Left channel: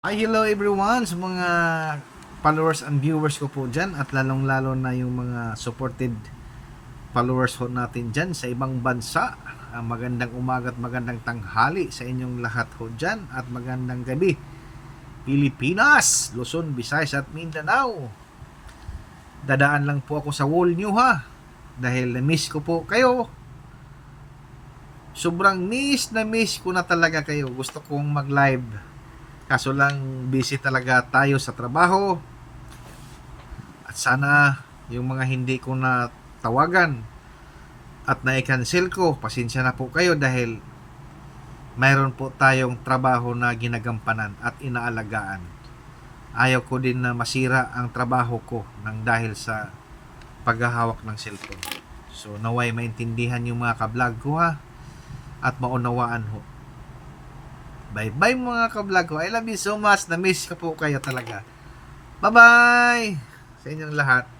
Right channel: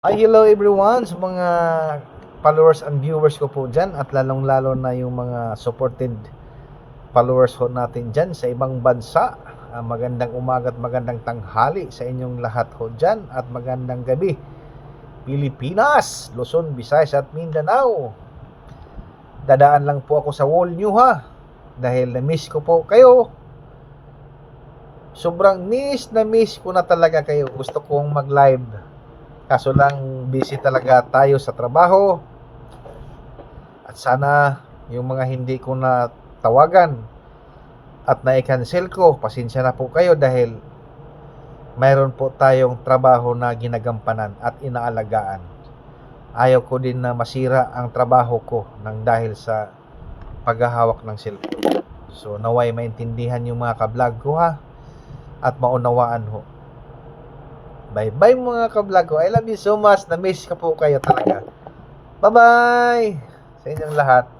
Hi, hello everyone sa mga followers and viewers ko po dyan at lalong-lalo na yung mga supported followers ho natin dyan sa ibang bansa. Magandang umaga at magandang tanghali sa inyong lahat ho dyan at magandang gabi Pilipinas, Luzon, Visayas at Mindanao. Dadaan lang po ako sa wall nyo ha dahil na-miss ko po kayo. Sobrang miss ko na talaga kayo. Gusto kong mag-live. Kaso lang busy talaga tayo sa trabaho. At sana yung mga hindi ko na tawagan at na-cancel ko, pasensya na po kayo dahil mayroon po tayong trabaho na ginagampanan at inaalagaan. Ayaw ko din na masira ang trabaho ko nang dahil sa paghahawak ng cellphone. So naway maintindihan yung mga ka-vlog ko ha at maunawaan ho. Bye bye mga ka-vlog ko. I love you so much. Na-miss ka po kayo talaga. Bye bye sa inyong lahat.